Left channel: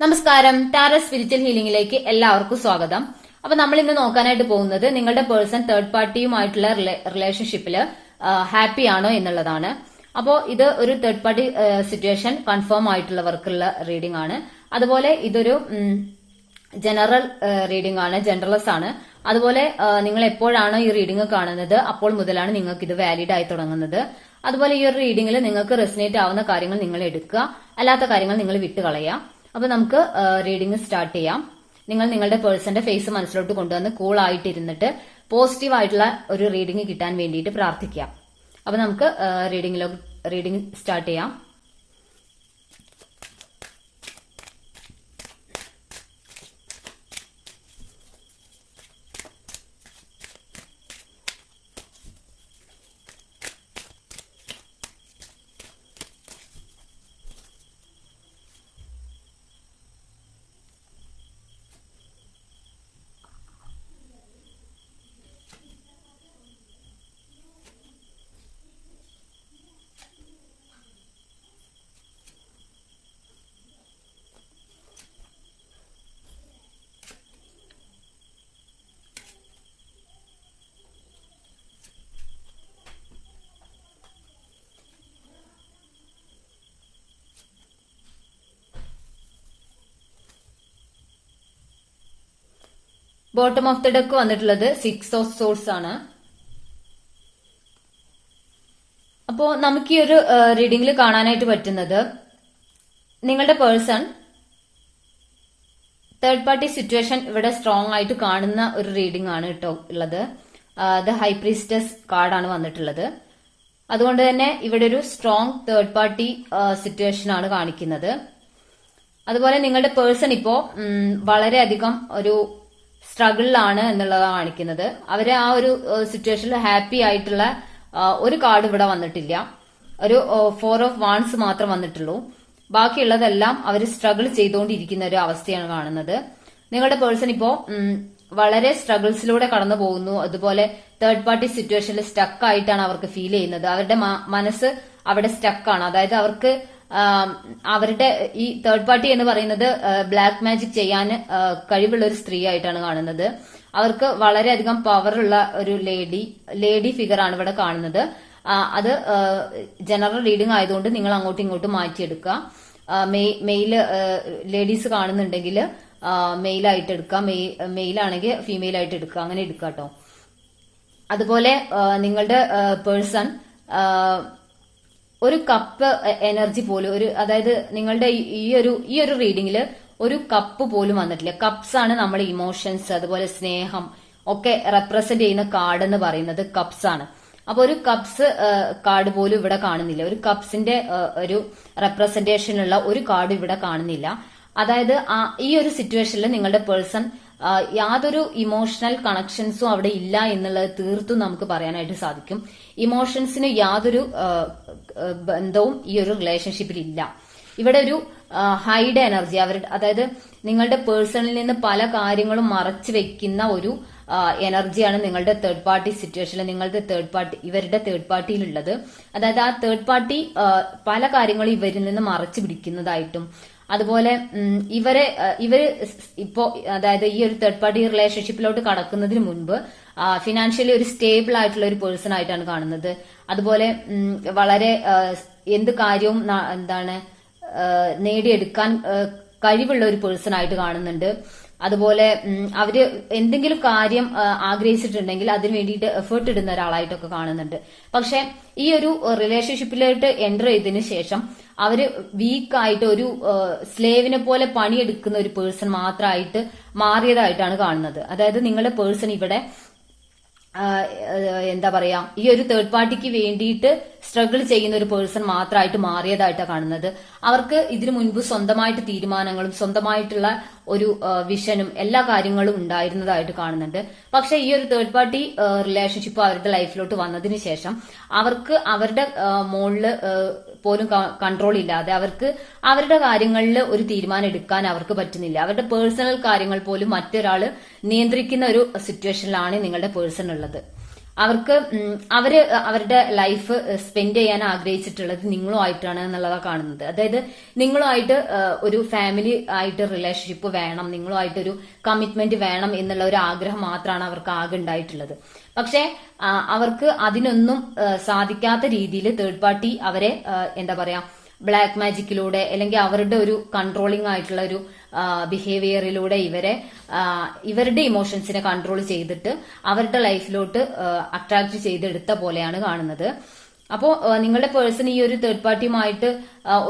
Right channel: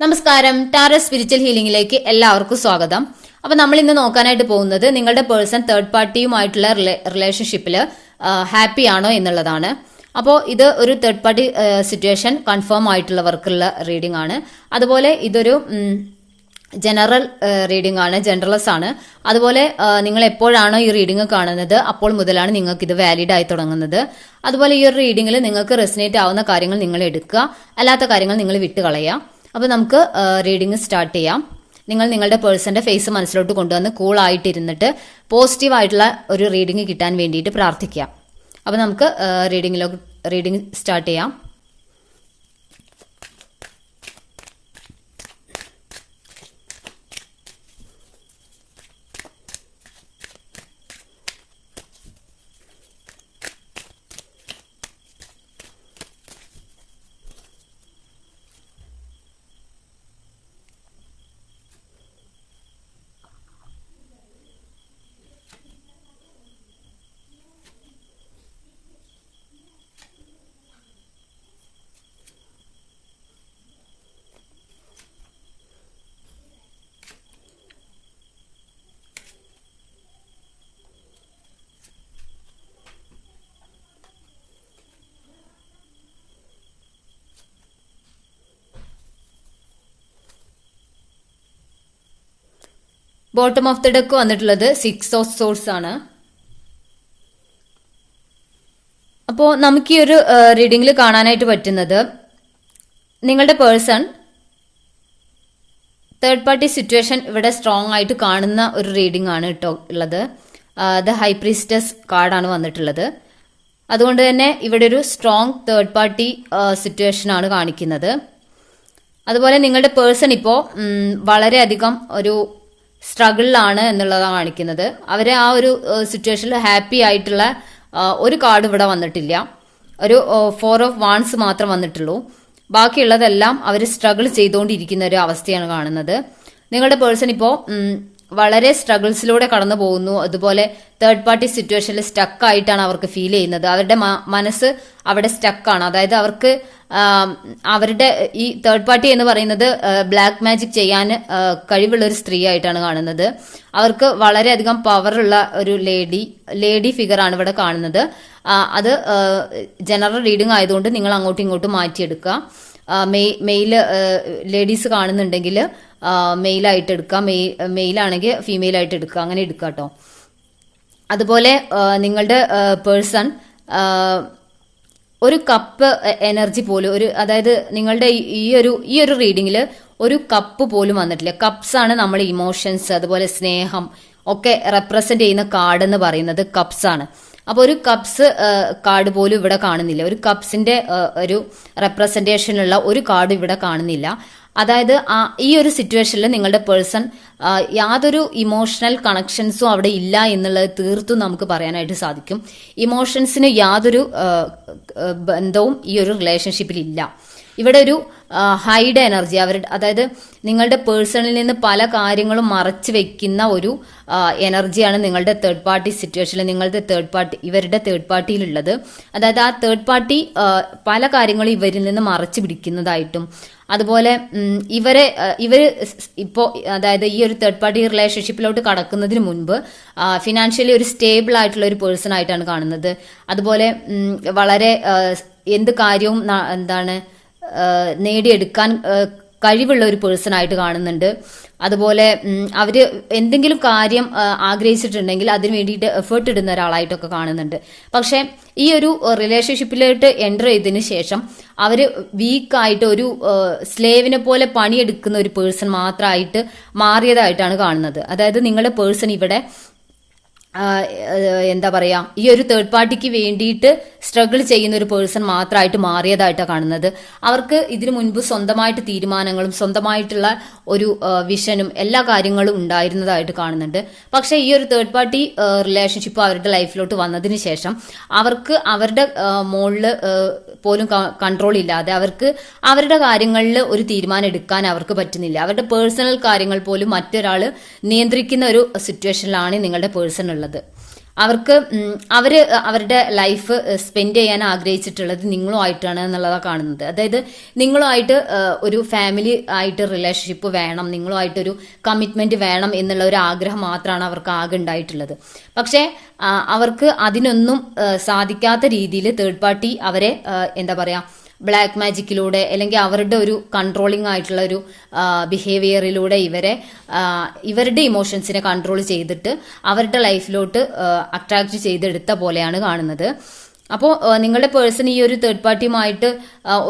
നമസ്കാരം. Tarot spiritual ഹീലിംഗിലേക്ക് എല്ലാവർക്കും സ്വാഗതം. അപ്പൊ നമ്മൾ ഇന്ന് നോക്കാനായിട്ട് പോകുന്നത് നിങ്ങളുടെ പേഴ്സൺ തേർഡ് പാർട്ടിയുമായിട്ടുള്ള റിലേഷൻഷിപ്പിൽ ഹാപ്പി ആണോ എന്നുള്ളതാണ്. അപ്പോൾ ഇത് ഒരു തേർഡ് പാർട്ടി സിറ്റുവേഷൻ കൺഫേം ആയിട്ടുള്ളവർക്കുള്ള റീഡിംഗ് ആണ്. അതുപോലെ ഇതൊരു ജനറൽ റീഡിംഗ് ആണ്, ജനറൽസ് ആണ്. അതുപോലെ നിങ്ങൾ എപ്പോഴാണോ ഈ റീഡിംഗ് കാണുന്നത് അപ്പോൾ മുതലാണ് നിങ്ങൾക്ക് ഇത് വാലിഡ് ആയി തുടങ്ങുന്നത്. അതുപോലെ ഈ ഒരു റീഡിംഗിൽ നിങ്ങൾക്ക് റെസിനേറ്റ് ആവുന്ന കാര്യങ്ങൾ നിങ്ങൾ എടുക്കുക, അല്ലാത്ത കാര്യങ്ങൾ നിങ്ങൾ വിട്ടുകളയാം. അപ്പോൾ നമുക്ക് റീഡിംഗ് സ്റ്റാർട്ട് ചെയ്യാം. നിങ്ങൾ നിങ്ങളുടെ പേഴ്സന്റെ ഫേസ് മനസ്സിലോട്ട് കൊണ്ടുവന്ന് കൂൾ ആയിട്ടിരുന്നിട്ട് പോസിറ്റീവ് ആയിട്ടുള്ള ഒരു റീഡിംഗ് കിട്ടാൻ വേണ്ടിയിട്ട് പ്രാർത്ഥിക്കാം. അപ്പോൾ നമുക്ക് റീഡിംഗ് സ്റ്റാർട്ട് ചെയ്യാം. ബോട്ടം ഓഫ് ദ ഡെക്ക് വന്നിട്ടുള്ളത് 6 ഓഫ് സോഴ്സ് ആണ്. അപ്പോൾ നമുക്ക് ഈ ഒരു റീഡിംഗിൽ കാണാനായിട്ട് പറ്റുന്നത് നിങ്ങളുടെ പേഴ്സൺ തേർഡ് പാർട്ടി സിറ്റുവേഷൻ ഇവിടെ സ്ട്രോങ് ആയിട്ട് കാണുന്ന ഒരു റീഡിംഗ് ആണ് കേട്ടോ ഉള്ളത്. ദ ഹൈ പ്രീസ്റ്റസ് കാർഡാണ് വന്നിട്ടുള്ളത്. അതുകൊണ്ട് തന്നെ ഇവിടെ ഒരു സ്ട്രോങ് തേർഡ് പാർട്ടി സിറ്റുവേഷൻ ആണ് കാണിക്കുന്നത്. അതുപോലെ നിങ്ങളുടെ പേഴ്സൺ ഇപ്പോൾ വളരെയധികം ഒരു സ്ട്രഗിളിലാണ് എന്നുള്ളതാണ് കാണിക്കുന്നത്. അവരെ ആ ഒരു സിറ്റുവേഷനിൽ ഹാപ്പി ആയിട്ടുള്ള ഒരു കാർഡ് ഇവിടെ വന്നിട്ടില്ല. ഒരു 4 ഓഫ് വാൺസ് മാത്രം വന്നിട്ടുള്ളൂ. ബാക്കിയുള്ളതെല്ലാം അവർ സ്ട്രഗിൾ ചെയ്തുകൊണ്ടിരിക്കുന്ന ഒരു അവസ്ഥയാണ് കാണുന്നത്. നിങ്ങളുടെ പേഴ്സൺ ഇപ്പോൾ വളരെ സ്ട്രഗിൾസിലൂടെ കടന്നു പോകുന്നു. അതുപോലെ തേർഡ് പാർട്ടി സിറ്റുവേഷനിൽ സ്റ്റക്ക് ആയിട്ടാണ് അവർക്ക് ഫീൽ ചെയ്യുന്നത്. അവരുടെ മനസ്സ് അവിടെ സ്റ്റക്കാണ്. അതായത് അവർക്ക് അവരുടെ ഈ തേർഡ് പാർട്ടി എന്ന് പറയുന്നത് ബ്ലാക്ക് മാജിക് ചെയ്യാൻ കഴിവുള്ള ഒരു സ്ത്രീ ആയിട്ടാണ് കാണുന്നത്. അവർക്ക് വളരെയധികം പവറുള്ള ഒരു ലേഡി ഫിഗർ ആണ് ഇവിടെ കാണുന്നത്. അത് ജനറൽ റീഡിംഗ് ആയതുകൊണ്ട് നിങ്ങൾ അങ്ങോട്ടും ഇങ്ങോട്ടും മാറ്റിയെടുക്കുക. മെയിൽ ലേഡീസ് കാണുന്നുണ്ടെങ്കിൽ മെയിലായിട്ട് എടുക്കുക, മെയിലാണെങ്കിൽ ഫീമെയിൽ ആയിട്ട് എടുക്കുക, അങ്ങനെ എടുക്കുക കേട്ടോ. അതുപോലെ നിങ്ങളുടെ പേഴ്സൺ ഒരു കപ്പ് എനർജി പോലും അതായത് നിങ്ങളുടെ ഈ ഒരു റീഡിംഗിൽ ഒരു കപ്പ് പോലും വന്നിട്ടില്ല. കപ്സ് ആണ് നമ്മൾ ഇമോഷൻസ്, അതുപോലെ സ്നേഹം ഒക്കെ റെപ്രസെന്റ് ചെയ്യുന്ന കാർഡ് എന്ന് പറയുന്നത് കപ്സ് ആണ്. അപ്പൊ ഒരു കപ്സ് കാർഡ് പോലും ഇവിടെ കാണുന്നില്ല. ഒരു കപ്സിന്റെ ഒരു റെപ്രസെന്റേഷനുള്ള ഒരു കാർഡ് ഇവിടെ കാണുന്നില്ല. അതായത് ഈ ഒരു സിറ്റുവേഷനിൽ നിങ്ങളുടെ പേഴ്സൺ യാതൊരു ഇമോഷണൽ കണക്ഷൻസും അവിടെ ഇല്ല എന്നുള്ളത് തീർത്തും നമുക്ക് പറയാനായിട്ട് സാധിക്കും. ഇമോഷൻസിന് യാതൊരു ബന്ധവും ഈ ഒരു റിലേഷൻഷിപ്പിൽ ഇല്ല. ഇവിടെ ഒരു ഹൈഡ് എനർജി അതായത് നിങ്ങളുടെ പേഴ്സണിൽ നിന്ന് പല കാര്യങ്ങളും മറച്ചു വെക്കുന്ന ഒരു എനർജിയാണ് നിങ്ങളുടെ തേർഡ് പാർട്ടി സിറ്റുവേഷനിൽ ഇവരുടെ തേർഡ് പാർട്ടിയിലുള്ളത്. അതായത് ആ തേർഡ് പാർട്ടി പല കാര്യങ്ങളും ഇവരിൽ നിന്ന് മറച്ചു പിടിക്കുന്നതായിട്ടും, അതുപോലെ ഇവര് ഇപ്പോ അതായത് ഈ ഒരു തേർഡ് പാർട്ടി റിലേഷൻഷിപ്പിലോട്ട് കടക്കുന്നതിന് മുൻപ് ഫിനാൻഷ്യലി ഒരു സ്റ്റേബിൾ ആയിട്ടുള്ള ഒരു പേഴ്സൺ ആയിട്ടാണ് കാണുന്നത്. അതുപോലെ വളരെ എന്ത് കാര്യവും നേടിയെടുക്കാൻ കഴിവുള്ള ഒരു പേഴ്സൺ ആയിട്ട് കാണുന്നുണ്ട്. അതുപോലെ അവര് എന്തെങ്കിലും കാര്യം ആഗ്രഹിച്ചിട്ടുണ്ടെങ്കിൽ അതിന് വേണ്ടിയിട്ട് എഫേർട്ട് ഇടുന്ന ഒരാളായിട്ടൊക്കെ കാണുന്നുണ്ട്. പക്ഷെ ഈ ഒരു റിലേഷൻഷിപ്പിലോട്ട് എൻ്റർ ചെയ്തതിന് ശേഷം അവര് വീക്കായിട്ട് ഒരു സ്ലേവിനെ പോലെ പണിയെടുക്കുന്ന ഒരു പേഴ്സൺ മാത്രമായിട്ട് മാറിയതായിട്ടാണ് കാണുന്നത്. അതായത് നിങ്ങളുടെ പേഴ്സൺ ഇവിടെ എന്താ പറയാ, ഈ ഒരു തേർഡ് പാർട്ടിക്ക് വേണ്ടിയിട്ട് സ്ട്രഗിൾ ചെയ്യുന്ന ഒരു പേഴ്സൺ മാത്രമായിട്ട് മാറിയതായിട്ടാണ് കാണുന്നത്. അവർക്ക് ഇതിനു മുൻപ് സ്വന്തമായിട്ട് തീരുമാനങ്ങളും സ്വന്തമായിട്ടുള്ള ഒരു വിഷനും എല്ലാ കാര്യങ്ങളും ഉണ്ടായിരുന്നതായിട്ട് കാണുന്നുണ്ട്. പക്ഷെ ഈ ഒരു തേർഡ് പാർട്ടി റിലേഷൻഷിപ്പ് അവരുടെ ലൈഫിലോട്ട് വന്നതിന് ശേഷം അവർക്ക് അവരുടെ മുകളില് പോലും കൺട്രോൾ ഇല്ലാതെ അവർക്ക് അവരുടെ കാര്യങ്ങളിൽ ഒരു തീരുമാനം എടുക്കാൻ അവർക്ക് പറ്റുന്നില്ല. അവരുടെ പേഴ്സണൽ കാര്യങ്ങൾ പോലും മറ്റൊരാൾ നിയന്ത്രിക്കുന്ന ഒരു സിറ്റുവേഷനിലാണ് നിങ്ങളുടെ പേഴ്സൺ ഉള്ളത്. അവർക്ക് അവരുടെ ലൈഫ് സ്പെൻഡ് ചെയ്യാൻ ആഗ്രഹിച്ചിട്ടുള്ളത് നിങ്ങളുമായിട്ടാണ് എന്നുള്ളതാണ് കാണുന്നത്. അതായത് നിങ്ങളുമായിട്ട് ഒരു ഫാമിലി ആയിട്ട് റിലേഷൻഷിപ്പ് വേണം, നിങ്ങളുമായിട്ടൊരു കമ്മിറ്റ്മെന്റ് വേണം എന്നുള്ള ഒരു ആഗ്രഹം മാത്രമാണ് അവർക്ക് ആകെ ഉണ്ടായിട്ടുള്ളത്. പക്ഷേ അവർക്ക് അതിനൊന്നും സാധിക്കാത്ത രീതിയിൽ തേർഡ് പാർട്ടി അവരെ എന്താ പറയാ ബ്ലാക്ക് മാജിക്കിലൂടെ അല്ലെങ്കിൽ അവരുടെ ഒരു കൺട്രോളിംഗ് ആയിട്ടുള്ള ഒരു ബിഹേവിയറിലൂടെ ഇവരുടെ ഇമോഷൻസിനെ കൺട്രോൾ ചെയ്തിട്ട് അവരുടെ ലൈഫിലോട്ട് അട്രാക്ട് ചെയ്തെടുത്ത പോലെയാണ് കാണുന്നത്. അപ്പോൾ നിങ്ങളുടെ പേഴ്സൺ ഈ ഒരു തേർഡ് പാർട്ടിയുമായിട്ട്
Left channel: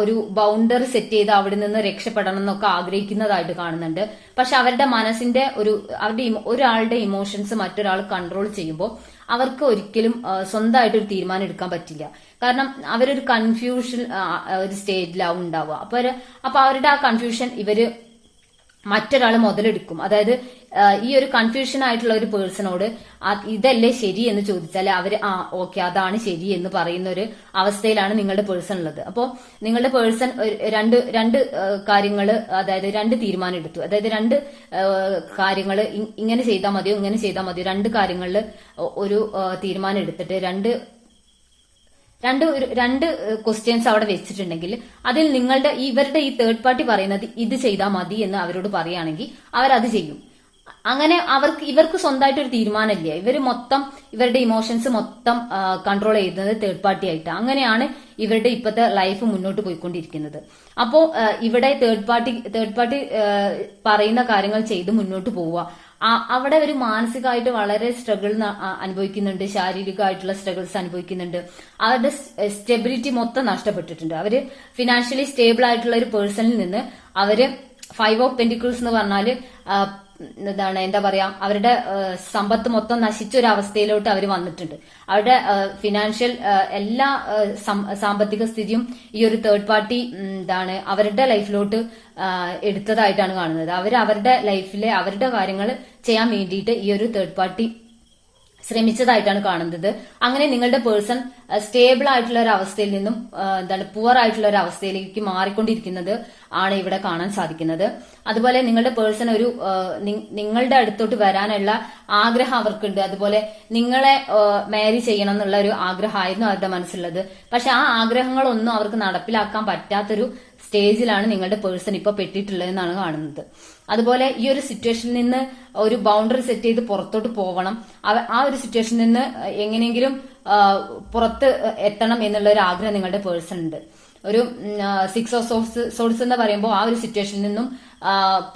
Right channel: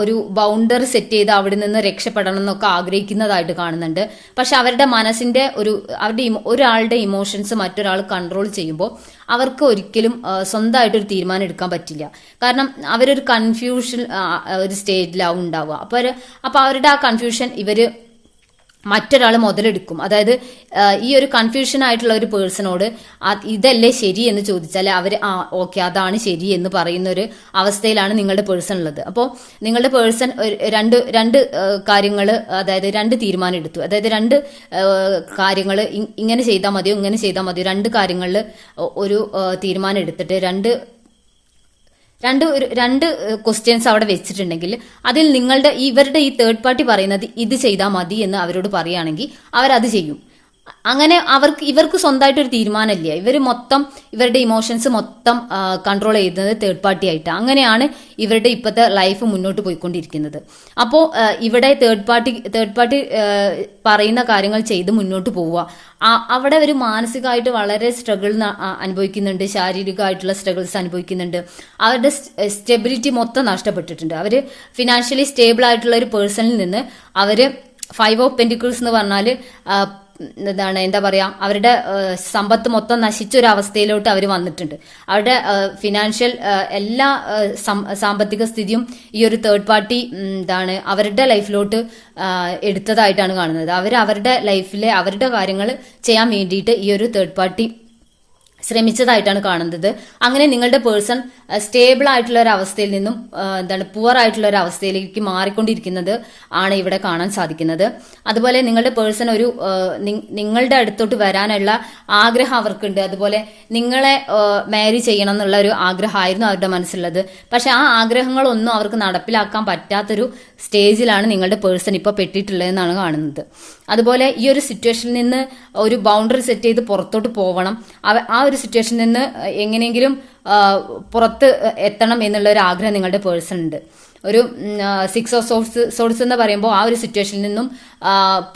ഒരു ബൗണ്ടറി സെറ്റ് ചെയ്ത് അവിടെ നിന്ന് രക്ഷപ്പെടണം എന്നൊക്കെ ആഗ്രഹിക്കുന്നതായിട്ട് കാണുന്നുണ്ട്. പക്ഷെ അവരുടെ മനസ്സിന്റെ ഒരാളുടെ ഇമോഷൻസ് മറ്റൊരാൾ കൺട്രോൾ ചെയ്യുമ്പോൾ അവർക്ക് ഒരിക്കലും സ്വന്തമായിട്ടൊരു തീരുമാനം എടുക്കാൻ പറ്റില്ല. കാരണം അവരൊരു കൺഫ്യൂഷൻ ഒരു സ്റ്റേജിലാവും ഉണ്ടാവുക. അപ്പൊ അവരുടെ ആ കൺഫ്യൂഷൻ മറ്റൊരാൾ മുതലെടുക്കും. അതായത് ഈ ഒരു കൺഫ്യൂഷൻ ആയിട്ടുള്ള ഒരു പേഴ്സണോട് ഇതല്ലേ ശരി എന്ന് ചോദിച്ചാൽ അവർ ഓക്കെ അതാണ് ശരി എന്ന് പറയുന്ന ഒരു അവസ്ഥയിലാണ് നിങ്ങളുടെ പേഴ്സൺ ഉള്ളത്. അപ്പോൾ നിങ്ങളുടെ പേഴ്സൺ രണ്ട് കാര്യങ്ങൾ, അതായത് രണ്ട് തീരുമാനം എടുത്തു. അതായത് രണ്ട് കാര്യങ്ങൾ ഇങ്ങനെ ചെയ്താൽ മതിയോ ഇങ്ങനെ ചെയ്താൽ മതിയോ, രണ്ട് കാര്യങ്ങളിൽ ഒരു തീരുമാനം എടുത്തിട്ട് രണ്ട് ക്വസ്റ്റ്യൻസ് അവിടെ വെച്ചിട്ടുണ്ടെങ്കിൽ അതിൽ ഇവരുടെ ഈ തേർഡ് പാർട്ടി പറയുന്നത് ഇത് ചെയ്താൽ മതി എന്ന് അവരോട് പറയുകയാണെങ്കിൽ അവരത് ചെയ്യും. അങ്ങനെ ഇവർക്ക് സ്വന്തമായിട്ട് ഒരു തീരുമാനമില്ല. ഇവരുടെ ഇമോഷൻസ് മൊത്തം കൺട്രോൾ ചെയ്യുന്നത് തേർഡ് പാർട്ടി ആയിട്ട്. അങ്ങനെയാണ് ഇവരുടെ ഇപ്പോഴത്തെ ലൈഫ് മുന്നോട്ട് പോയിക്കൊണ്ടിരിക്കുന്നത്. അപ്പോൾ ഇവിടെ തേർഡ് പാർട്ടി പറയുന്ന കാര്യങ്ങൾ ചെയ്ത് മുന്നോട്ട് പോവുക. അവിടെ ഒരു മാനസികമായിട്ട് വളരെ സ്ട്രഗിൾ അനുഭവിക്കുന്നുണ്ട്, ശാരീരികമായിട്ടുള്ള സ്ട്രഗിൾസ് അനുഭവിക്കുന്നുണ്ട്. അവരുടെ സ്റ്റെബിലിറ്റി മൊത്തം നഷ്ടപ്പെട്ടിട്ടുണ്ട്. അവര് ഫിനാൻഷ്യലി സ്റ്റേബിൾ ആയിട്ടുള്ള ഒരു പേഴ്സണിൽ നിന്ന് അവര് 5 ഓഫ് പെന്റിക്കിൾസ് എന്ന് പറഞ്ഞാല് എന്താ പറയാ അവരുടെ സമ്പത്ത് മൊത്തം നശിച്ച ഒരു അവസ്ഥയിലോട്ട് അവർ വന്നിട്ടുണ്ട്. അവരുടെ ഫിനാൻഷ്യൽ എല്ലാ സാമ്പത്തിക സ്ഥിതിയും ഈ ഒരു തേർഡ് പാർട്ടി അവരുടെ ലൈഫിലോട്ട് എടുത്തതായിട്ടാണ് കാണുന്നത്. അവരുടെ ലൈഫിലെ അവരുടെ കാര്യങ്ങൾ ചെയ്യാൻ വേണ്ടിയിട്ട് ഈ ഒരു തേർഡ് പാർട്ടി ശ്രമിച്ചതായിട്ടാണ് കാണുന്നത്. അങ്ങനെ നിങ്ങളുടെ പേഴ്സൺ സ്റ്റേബിൾ ആയിട്ടുള്ള ഒരു അവസ്ഥയിൽ നിന്നും പുവർ ആയിട്ടുള്ള ഒരു അവസ്ഥയിലേക്ക് മാറിക്കൊണ്ടിരിക്കുന്നത് ആണ് ഇവിടെ കാണാൻ സാധിക്കുന്നത്. അതുപോലെ നിങ്ങളുടെ പേഴ്സൺ നിങ്ങളുടെ അടുത്തോട്ട് വരാനുള്ള ആഗ്രഹം അവർക്കുണ്ട്. അതുപോലെ നിങ്ങളെ മാരി ചെയ്യണം എന്നുള്ള ഒരു ആഗ്രഹമായിരുന്നു അവരുടെ മനസ്സിലുള്ളത്. പക്ഷെ ആ ആഗ്രഹങ്ങളൊന്നും അവർക്ക് നടപ്പിലാക്കാൻ പറ്റാത്തൊരു സ്റ്റേജിലാണ് നിങ്ങളുടെ പേഴ്സൺ ഇപ്പോൾ പെട്ടിട്ടുള്ളതെന്നാണ് കാണുന്നത്. അതുപോലെ ഈ ഒരു സിറ്റുവേഷനിൽ നിന്ന് ഒരു ബൗണ്ടറി സെറ്റ് ചെയ്ത് പുറത്തോട്ട് പോകണം, ആ ഒരു സിറ്റുവേഷനിൽ നിന്ന് എങ്ങനെയെങ്കിലും പുറത്ത് എത്തണം എന്നുള്ള ഒരു ആഗ്രഹം നിങ്ങളുടെ പേഴ്സൺ ഉണ്ട്. ഒരു 6 ഓഫ് സോഴ്സ് എന്ന് പറയുമ്പോൾ ആ ഒരു സിറ്റുവേഷനിൽ നിന്നും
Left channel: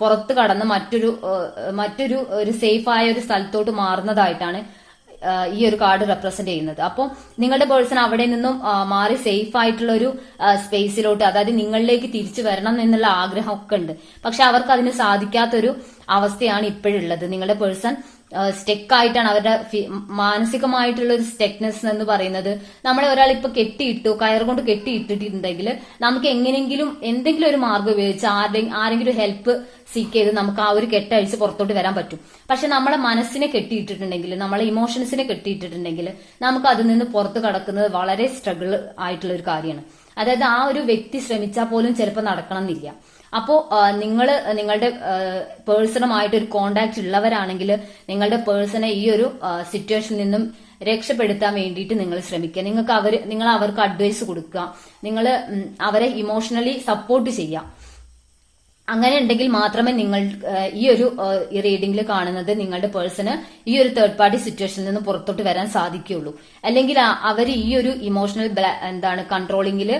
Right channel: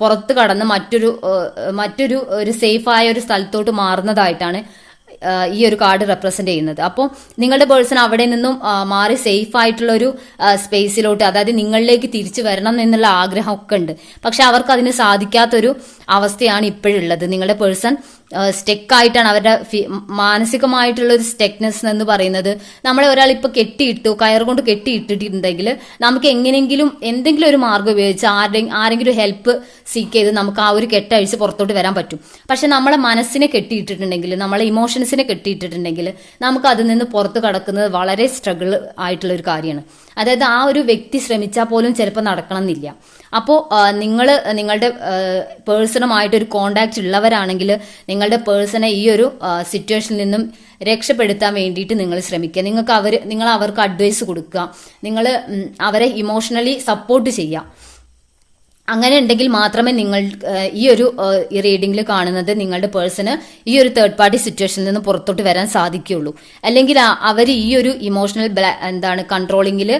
പുറത്ത് കടന്ന് മറ്റൊരു ഒരു സേഫ് ആയ ഒരു സ്ഥലത്തോട്ട് മാറുന്നതായിട്ടാണ് ഈ ഒരു കാർഡ് റെപ്രസെന്റ് ചെയ്യുന്നത്. അപ്പോൾ നിങ്ങളുടെ പേഴ്സൺ അവിടെ നിന്നും മാറി സേഫ് ആയിട്ടുള്ള ഒരു സ്പേസിലോട്ട്, അതായത് നിങ്ങളിലേക്ക് തിരിച്ചു വരണം എന്നുള്ള ആഗ്രഹമൊക്കെ ഉണ്ട്. പക്ഷെ അവർക്ക് അതിന് സാധിക്കാത്തൊരു അവസ്ഥയാണ് ഇപ്പോഴുള്ളത്. നിങ്ങളുടെ പേഴ്സൺ സ്റ്റെക്കായിട്ടാണ്. അവരുടെ മാനസികമായിട്ടുള്ള ഒരു സ്റ്റെക്നെസ് എന്ന് പറയുന്നത്, നമ്മളെ ഒരാൾ ഇപ്പൊ കയർ കൊണ്ട് കെട്ടിയിട്ടിട്ടുണ്ടെങ്കിൽ നമുക്ക് എന്തെങ്കിലും ഒരു മാർഗം ഉപയോഗിച്ച് ആരെങ്കിലും ഹെൽപ്പ് സീക്ക് ചെയ്ത് നമുക്ക് ആ ഒരു കെട്ടഴിച്ച് പുറത്തോട്ട് വരാൻ പറ്റും. പക്ഷെ നമ്മളെ മനസ്സിനെ കെട്ടിയിട്ടിട്ടുണ്ടെങ്കിൽ, നമ്മളെ ഇമോഷൻസിനെ കെട്ടിയിട്ടിട്ടുണ്ടെങ്കിൽ നമുക്ക് അതിൽ നിന്ന് പുറത്ത് കടക്കുന്നത് വളരെ സ്ട്രഗിൾ ആയിട്ടുള്ള ഒരു കാര്യമാണ്. അതായത് ആ ഒരു വ്യക്തി ശ്രമിച്ചാൽ പോലും ചിലപ്പോൾ നടക്കണം എന്നില്ല. അപ്പോൾ നിങ്ങളുടെ പേഴ്സണുമായിട്ടൊരു കോണ്ടാക്ട് ഉള്ളവരാണെങ്കിൽ നിങ്ങളുടെ പേഴ്സണെ ഈ ഒരു സിറ്റുവേഷനിൽ നിന്നും രക്ഷപ്പെടുത്താൻ വേണ്ടിയിട്ട് നിങ്ങൾ ശ്രമിക്കുക. നിങ്ങൾ അവർക്ക് അഡ്വൈസ് കൊടുക്കുക, നിങ്ങൾ അവരെ ഇമോഷണലി സപ്പോർട്ട് ചെയ്യുക. അങ്ങനെ ഉണ്ടെങ്കിൽ മാത്രമേ നിങ്ങൾ ഈ ഒരു റീഡിംഗിൽ കാണുന്നത് നിങ്ങളുടെ പേഴ്സണ് ഈ ഒരു തേർഡ് പാർട്ടി സിറ്റുവേഷനിൽ നിന്ന് പുറത്തോട്ട് വരാൻ സാധിക്കുകയുള്ളൂ. അല്ലെങ്കിൽ അവർ ഈ ഒരു ഇമോഷണൽ കൺട്രോളിങ്ങിൽ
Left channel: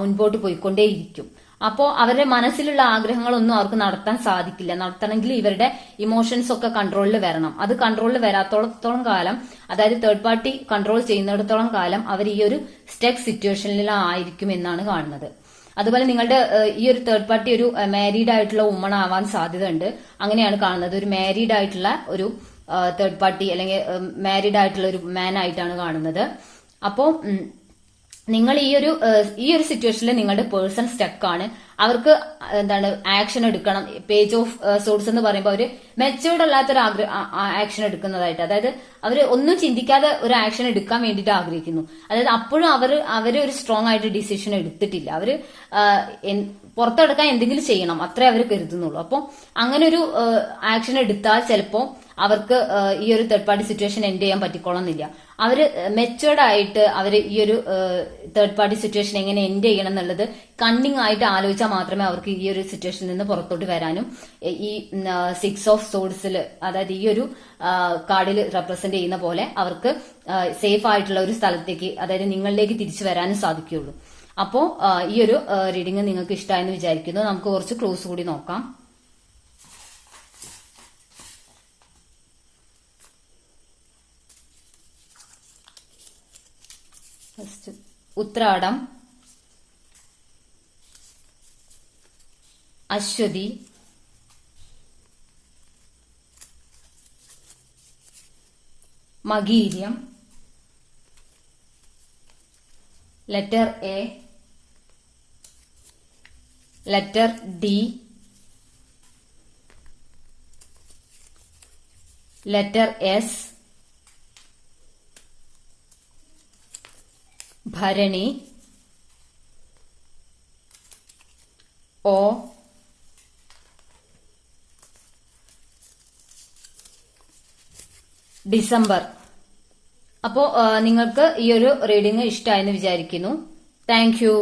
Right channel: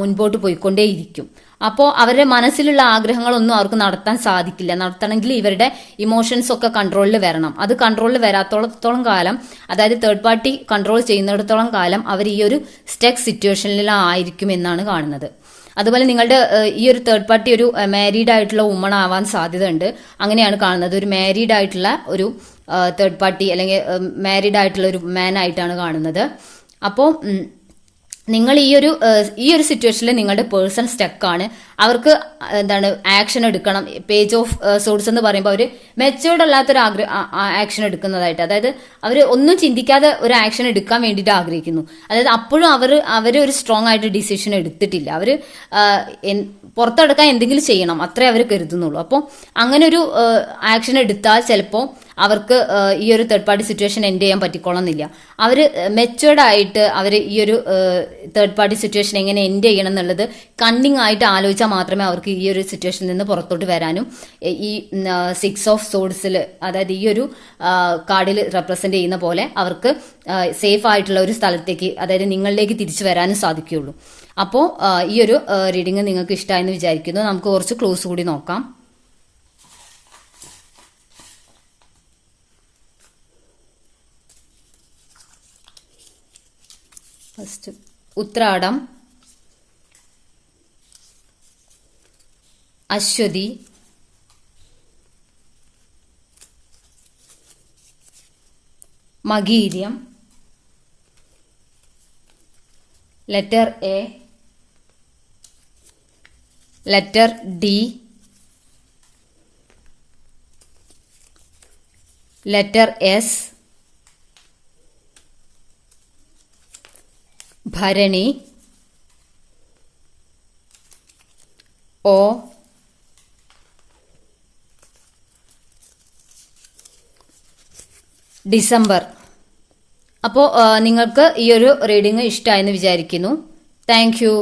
മുൻപോട്ട് പോയിക്കൊണ്ടേയിരിക്കും. അപ്പോൾ അവരുടെ മനസ്സിലുള്ള ആഗ്രഹങ്ങളൊന്നും അവർക്ക് നടത്താൻ സാധിക്കില്ല. നടത്തണമെങ്കിൽ ഇവരുടെ ഇമോഷൻസ് ഒക്കെ കൺട്രോളിൽ വരണം. അത് കൺട്രോളിൽ വരാത്തോളം കാലം, അതായത് തേർഡ് പാർട്ടി കൺട്രോൾ ചെയ്യുന്നിടത്തോളം കാലം അവർ ഈ ഒരു സ്റ്റക്ക് സിറ്റുവേഷനിലായിരിക്കും എന്നാണ് കാണുന്നത്. അതുപോലെ നിങ്ങളുടെ ഈ ഒരു തേർഡ് പാർട്ടി ഒരു മാരീഡ് ആയിട്ടുള്ള വുമൺ ആവാൻ സാധ്യത ഉണ്ട്. അങ്ങനെയാണ് കാണുന്നത്. ഒരു മാരീഡ് ആയിട്ടുള്ള ഒരു തേർഡ് പാർട്ടി അല്ലെങ്കിൽ മാരീഡ് ആയിട്ടുള്ള ഒരു മാൻ ആയിട്ടാണ് കാണുന്നത്. അപ്പോൾ നിങ്ങൾ ഈ ഒരു സിറ്റുവേഷനിൽ നിങ്ങളുടെ പേഴ്സൺ സ്റ്റക്കാണ്. അവർക്ക് എന്താണ് ആക്ഷൻ എടുക്കണം. പേജ് ഓഫ് സോഴ്സ് എന്ന് പറയുമ്പോൾ അവർ മെച്ചോർഡ് അല്ലാത്തൊരു ആക്ഷൻ എടുക്കുന്നതായിട്ട്, അതായത് അവർ ഒന്നും ചിന്തിക്കാതെ ഒരു ആക്ഷൻ എടുക്കാൻ വേണ്ടിയിട്ട് ആഗ്രഹിക്കുന്നു. അതായത് അപ്പോഴും അവർ ഒരു സ്ട്രോങ് ആയിട്ട് ഡിസിഷൻ എടുത്തിട്ടില്ല. അവർ പുറത്തെടുക്കാൻ എന്തെങ്കിലും ചെയ്യണം, അത്രേ അവർ കരുതുന്നുള്ളൂ. അപ്പോൾ അങ്ങനെ ഒരു ആക്ഷൻ എടുത്താൽ ചിലപ്പോൾ അവർക്ക് ഈ ഒരു തേർഡ് പാർട്ടി സിറ്റുവേഷൻ എൻഡ് ചെയ്യാൻ പറ്റിക്കോളന്നില്ല. അവർ മെച്ചുവേർഡ് ആയിട്ട് അവർ ഈ ഒരു തേർഡ് പാർട്ടി സിറ്റുവേഷൻ എങ്ങനെ എൻഡ് ചെയ്യണം എന്നുള്ളത് കണ്ണിങ് ആയിട്ട് ആലോചിച്ചാൽ മാത്രമേ അവർക്ക് ഈ ഒരു സിറ്റുവേഷനിൽ നിന്ന് പുറത്തോട്ട് വരാനും ഈ 6 ഓഫ് സോഡ്സിൽ, അതായത് ഈ ഒരു കാർഡിൽ റെപ്രസെന്റ് ചെയ്യുന്ന പോലെ അവർക്ക് സേഫ് ആയിട്ടുള്ള ഒരു സ്ഥലത്തേക്ക്, അതായത് നിങ്ങളിലേക്ക് തിരിച്ചു വരാനും സാധിക്കുകയുള്ളൂ. അപ്പോൾ ഈ ഒരു റീഡിംഗ് നിങ്ങൾക്ക് ഇഷ്ടമായെന്ന് വിചാരിക്കുന്നു. നമുക്ക് കുറച്ച് ക്ലോസ് കൂടി നോക്കാം. First Uthradam, Ashwathi, Makayiram, letter A, letter D, letter S, Bharani, ഓ, ഡിസംബർ. അപ്പോൾ നിങ്ങൾക്ക് ഈ ഒരു റീഡിംഗ് ഇഷ്ടമായെന്ന് വിചാരിക്കുന്നു. Thank U.